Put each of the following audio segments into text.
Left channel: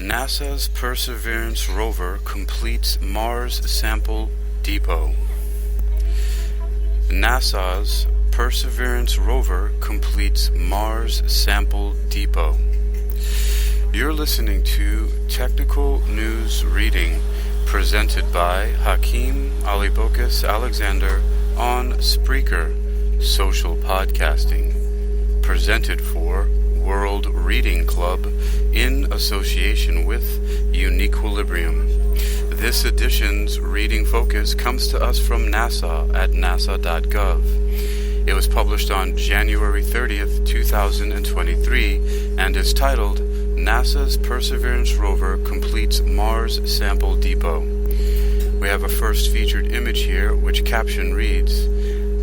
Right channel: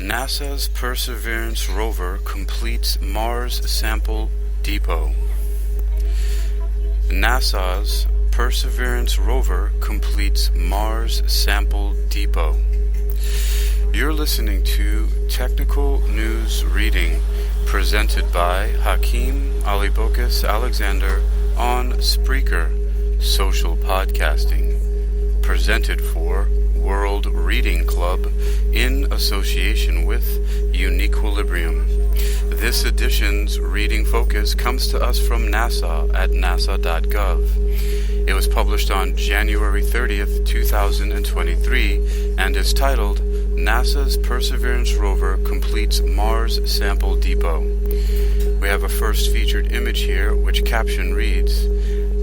NASA's Perseverance rover completes Mars sample depot. NASA's Perseverance rover completes Mars sample depot. You're listening to Technical News Reading, presented by Hakeem Alibokis Alexander on Spreaker, social podcasting, presented for World Reading Club in association with Uniquilibrium. This edition's reading focus comes to us from NASA at nasa.gov. It was published on January 30th, 2023, and is titled NASA's Perseverance rover completes Mars sample depot. We have a first featured image here, which caption reads,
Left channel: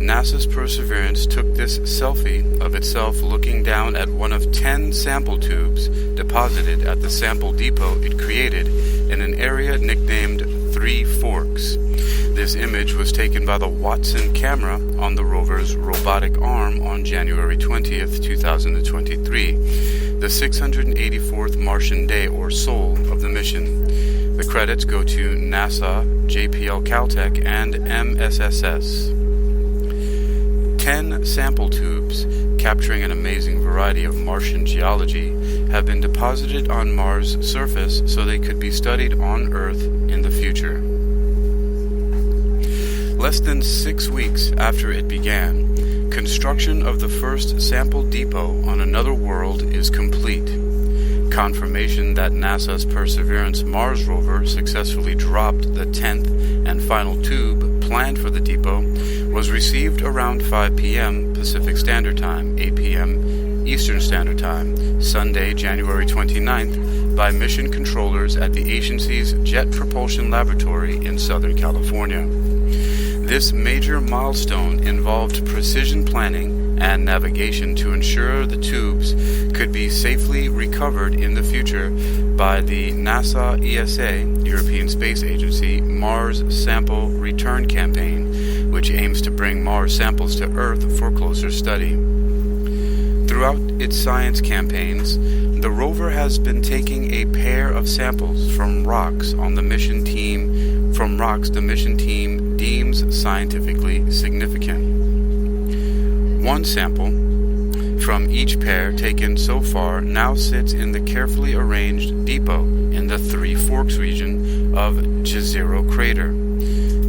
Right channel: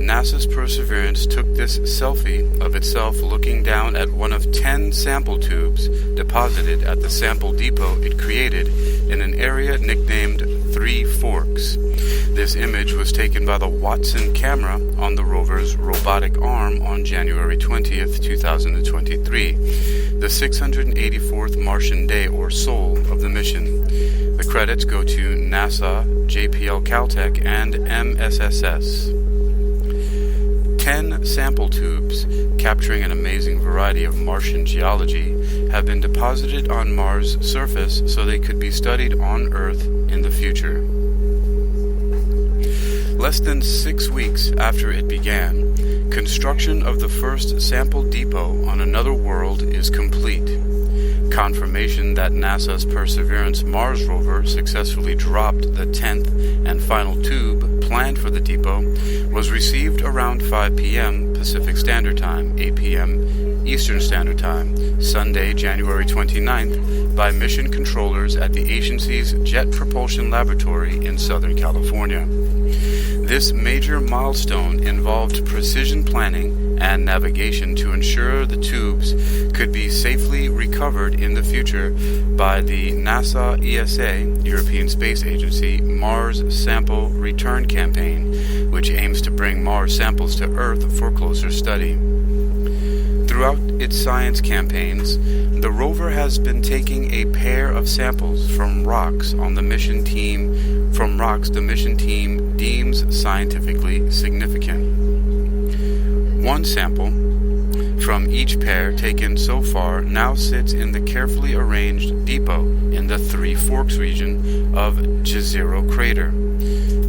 NASA's Perseverance took this selfie of itself looking down at one of 10 sample tubes deposited at the sample depot it created in an area nicknamed Three Forks. This image was taken by the Watson camera on the rover's robotic arm on January 20th, 2023, the 684th Martian day or soul of the mission. The credits go to NASA, JPL-Caltech, and MSSS. 10 sample tubes, capturing an amazing variety of Martian geology, have been deposited on Mars' surface so they could be studied on Earth in the future. Less than 6 weeks after it began, construction of the first sample depot on another world is complete. Confirmation that NASA's Perseverance Mars rover successfully dropped the 10th and final tube planned for the depot was received around 5 p.m. Pacific Standard Time, 8 p.m. Eastern Standard Time, Sunday, January 29th, by mission controllers at the agency's Jet Propulsion Laboratory in Southern California. This major milestone involved precision planning and navigation to ensure the tubes could be safely recovered in the future by the NASA ESA, European Space Agency, Mars Sample Return Campaign, which aims to bring Mars samples to Earth for closer study. Throughout its science campaigns, the rover has been taking a pair of samples from rocks the mission team deems scientifically significant. One sample from each pair taken so far now sits in the carefully arranged depot in the Three Forks region of Jezero Crater.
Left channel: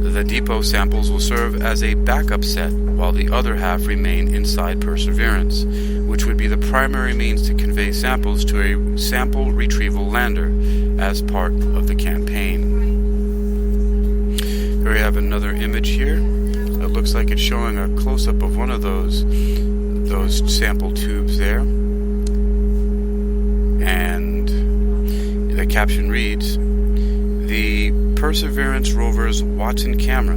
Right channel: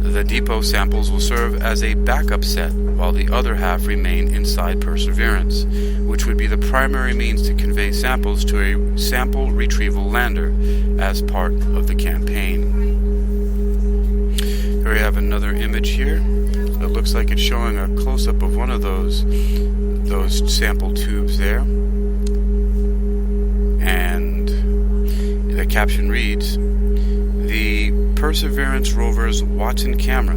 The depot samples will serve as a backup set, while the other half remain inside Perseverance, which would be the primary means to convey samples to a sample retrieval lander as part of the campaign. Here we have another image here. It looks like it's showing a close-up of one of those sample tubes there. And the caption reads, the Perseverance rover's Watson camera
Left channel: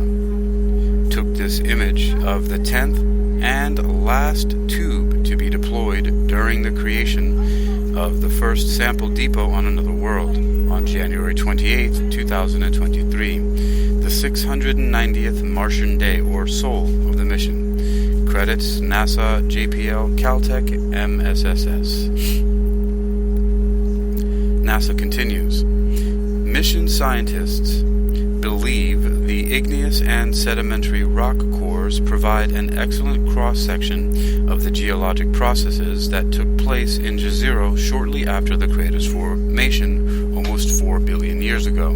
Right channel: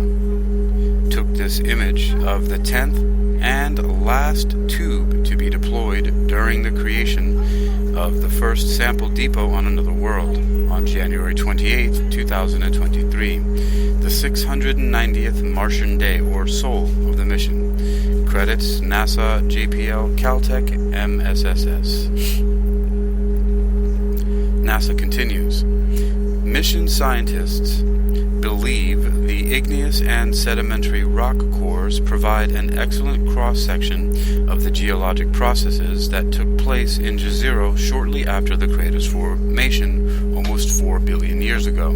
took this image of the 10th and last tube to be deployed during the creation of the first sample depot on another world on January 28, 2023, the 690th Martian day or soul of the mission. Credits NASA, JPL-Caltech, MSSS. NASA continues. Mission scientists believe the igneous and sedimentary rock cores provide an excellent cross-section of the geologic processes that took place in Jezero shortly after the crater's formation almost 4 billion years ago.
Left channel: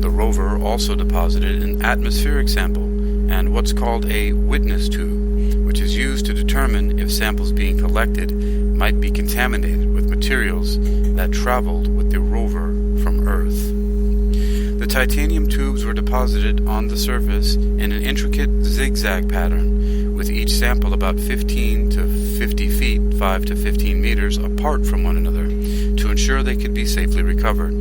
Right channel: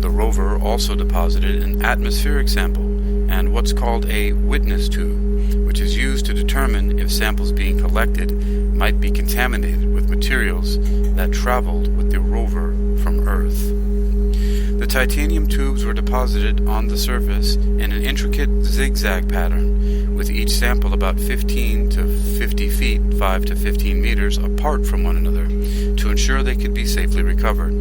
The rover also deposited an atmospheric sample and what's called a witness tube, which is used to determine if samples being collected might be contaminated with materials that traveled with the rover from Earth. The titanium tubes were deposited on the surface in an intricate zigzag pattern, with each sample about 15 to 50 feet, 5 to 15 meters apart from one another, to ensure they could be safely recovered.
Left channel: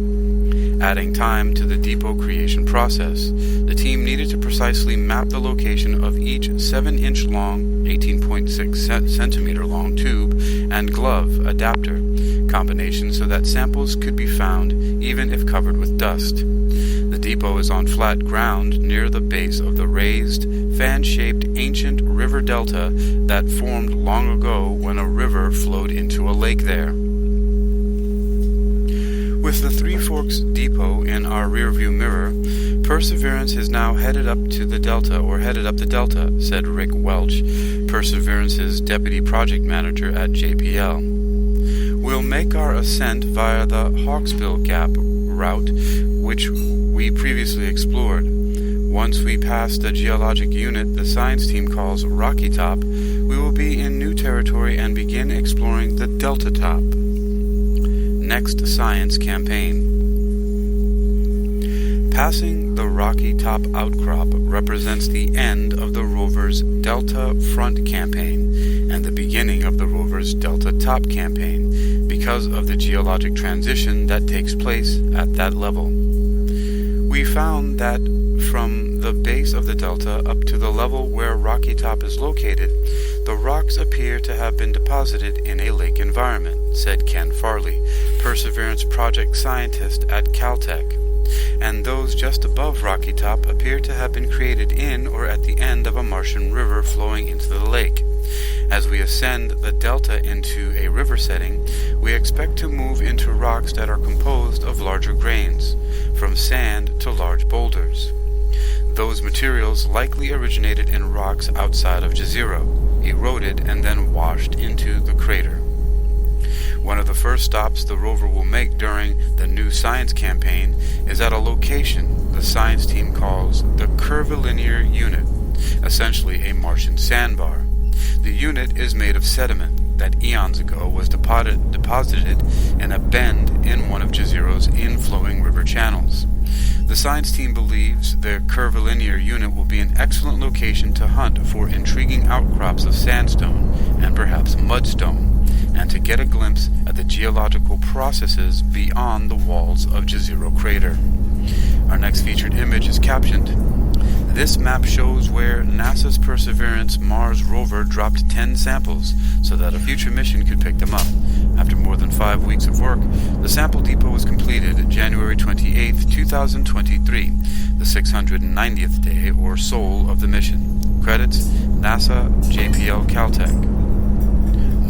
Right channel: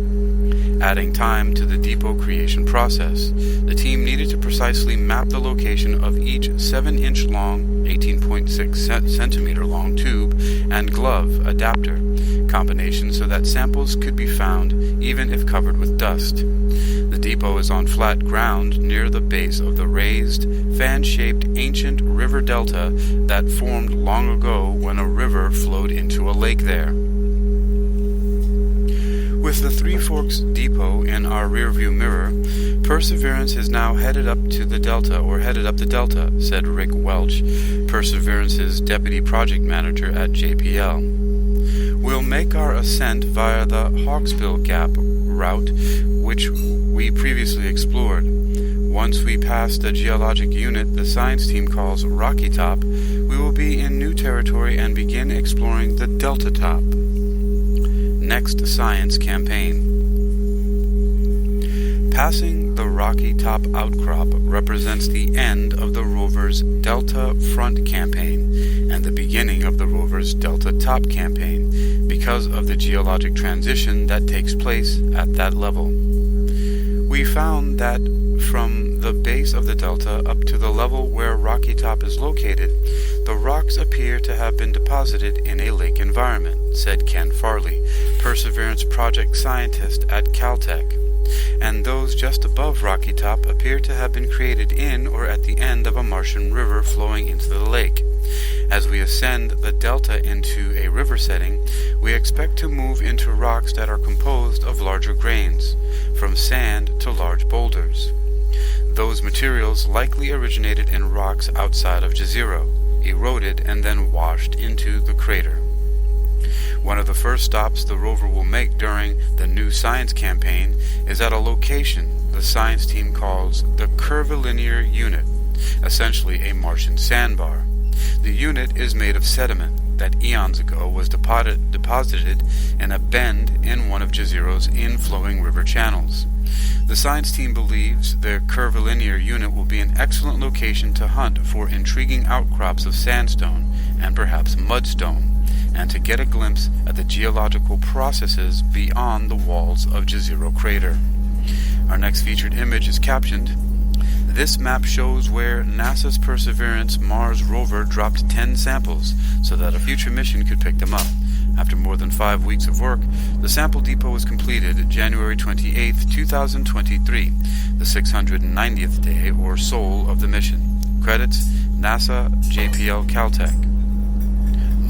Adding time to the depot creation process, the team needed to precisely map the location of each 7-inch long, 18.6 centimeter long tube and glove adapter combination so that samples could be found even if covered with dust. The depot is on flat ground near the base of the raised, fan-shaped ancient river delta that formed long ago when a river flowed into a lake there. With the Three Forks Depot in our rearview mirror, Perseverance is now headed up the Delta, said Rick Welch, Perseverance's deputy project manager at JPL. We'll make our ascent via the Hawksbill Gap route, which we previously explored. Once we pass the geologic unit the science team calls Rocky Top, we will be in new territory and begin exploring the Delta Top. Next science campaign. Passing the Rocky Top outcrop represents the end of the rover's Delta Front campaign and the beginning of the rover's Delta Top campaign because of the geologic transition that takes place at that level. We found that from the base of the delta up to the level where Rocky Top is located, the rocks appear to have been deposited in a lake environment, said Ken Farley, Perseverance project scientist at Caltech. And those just above Rocky Top appear to have been created in or at the end of a Martian river flowing into the lake. As we ascend the delta into a river setting, we expect to move into rocks that are composed of larger grains, from sand to large boulders. Those materials likely originated in rocks outside of Jezero, eroded and then washed into the crater. One of the first stops the rover will make during the new science campaign is at a location the science team calls the curvilinear unit, essentially a Martian sandbar. The unit is made of sediment that eons ago was deposited in a bend in one of Jezero's inflowing river channels. The science team believes the curvilinear unit will be an excellent location to hunt for intriguing outcrops of sandstone and perhaps mudstone, and to get a glimpse at the geological processes beyond the walls of Jezero crater. Our next featured image is captioned, "This map shows where NASA's Perseverance Mars rover dropped 10 samples so that a future mission could pick them up. After more than 5 weeks of work, the sample depot was completed January 28, 2023, the 690th day or soul of the mission. Credits, NASA, JPL-Caltech."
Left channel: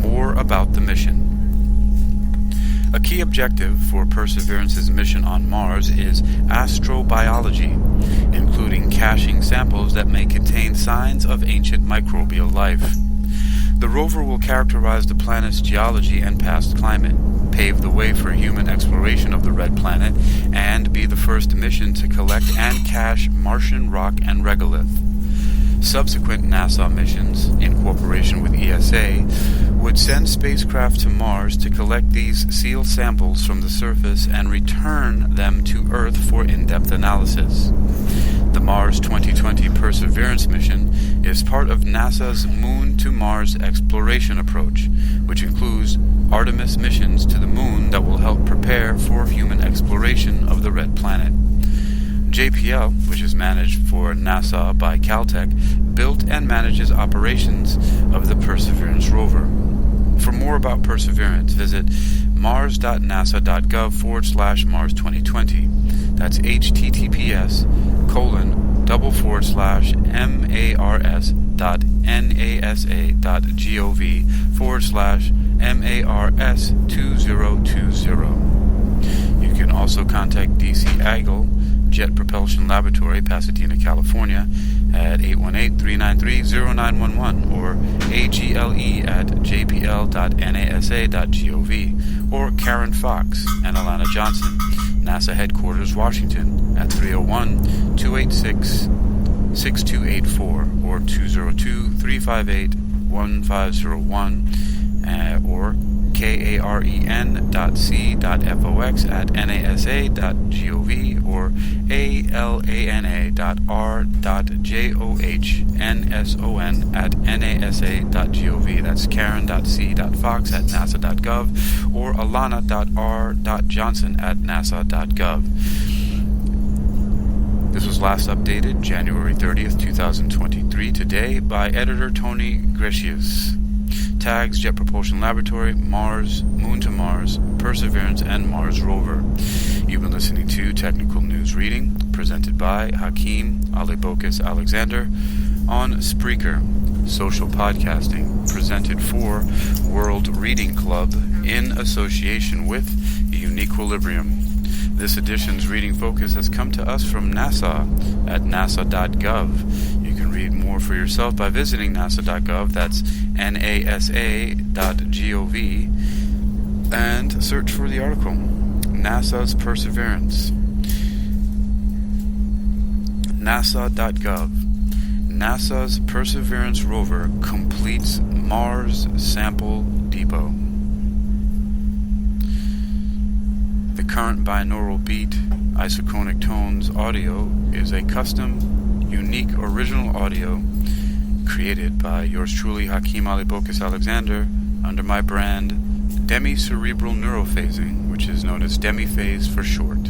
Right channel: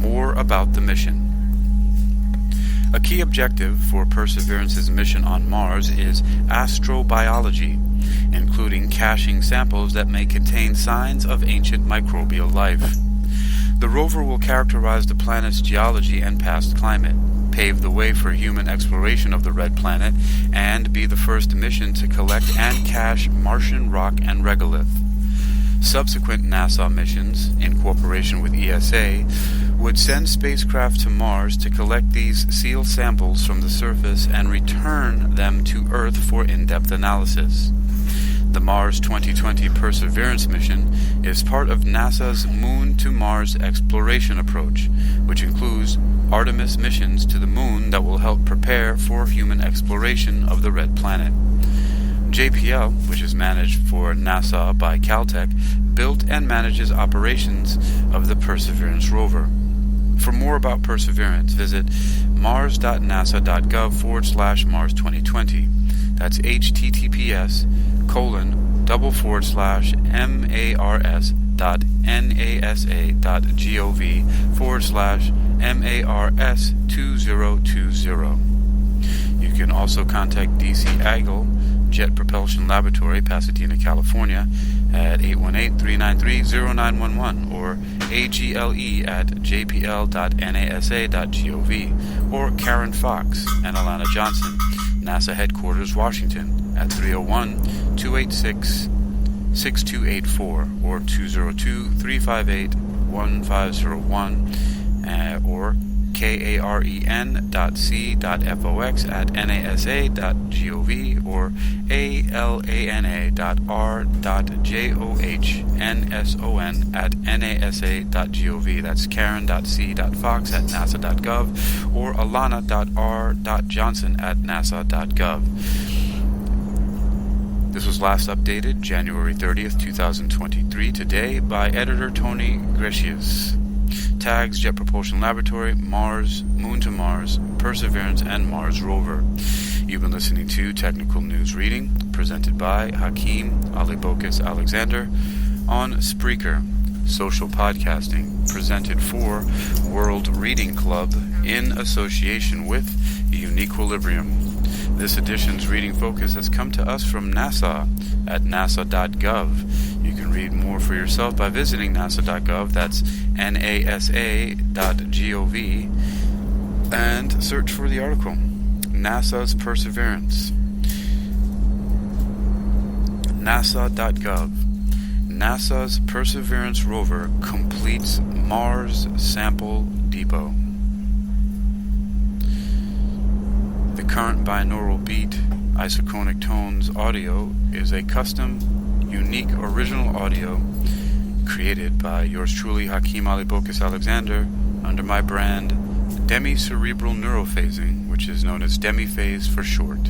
More about the mission. A key objective for Perseverance's mission on Mars is astrobiology, including caching samples that may contain signs of ancient microbial life. The rover will characterize the planet's geology and past climate, pave the way for human exploration of the red planet, and be the first mission to collect and cache Martian rock and regolith. Subsequent NASA missions, in cooperation with ESA, would send spacecraft to Mars to collect these sealed samples from the surface and return them to Earth for in-depth analysis. The Mars 2020 Perseverance mission is part of NASA's Moon to Mars exploration approach, which includes Artemis missions to the Moon that will help prepare for human exploration of the red planet. JPL, which is managed for NASA by Caltech, built and manages operations of the Perseverance rover. For more about Perseverance, visit mars.nasa.gov/Mars 2020. That's https://mars.nasa.gov/MARS2020. You can also contact DC Agile Jet Propulsion Laboratory, Pasadena, California, at 818-393-0911 or agle@jpl.nasa.gov, or Karen Fox and Alana Johnson, NASA Headquarters, Washington, at 301-286-6284 or 202-358-1501, or karen.c.fox@nasa.gov or alana.r.johnsson@nasa.gov. That's karen.c.fox@nasa.gov or alana.r.johnson@nasa.gov. This was last updated January 30th, 2023, today by editor Tony Grecius. Tags: Jet Propulsion Laboratory, Mars, Moon to Mars, Perseverance, and Mars rover. You've been listening to Technical News Reading, presented by Hakeem Alibokis Alexander on Spreaker. social podcasting, presented for World Reading Club in association with Uniquilibrium. This edition's reading focus has come to us from NASA at nasa.gov. You can read more for yourself by visiting nasa.gov, that's nasa.gov, and search for the article, NASA's Perseverance. nasa.gov. NASA's Perseverance rover completes Mars sample depot. The current binaural beat, isochronic tones audio is a custom, unique, original audio created by yours truly, Hakeem Ali Bokus Alexander, under my brand Demi-Cerebral Neurophasing, which is known as Demi-Phase for short.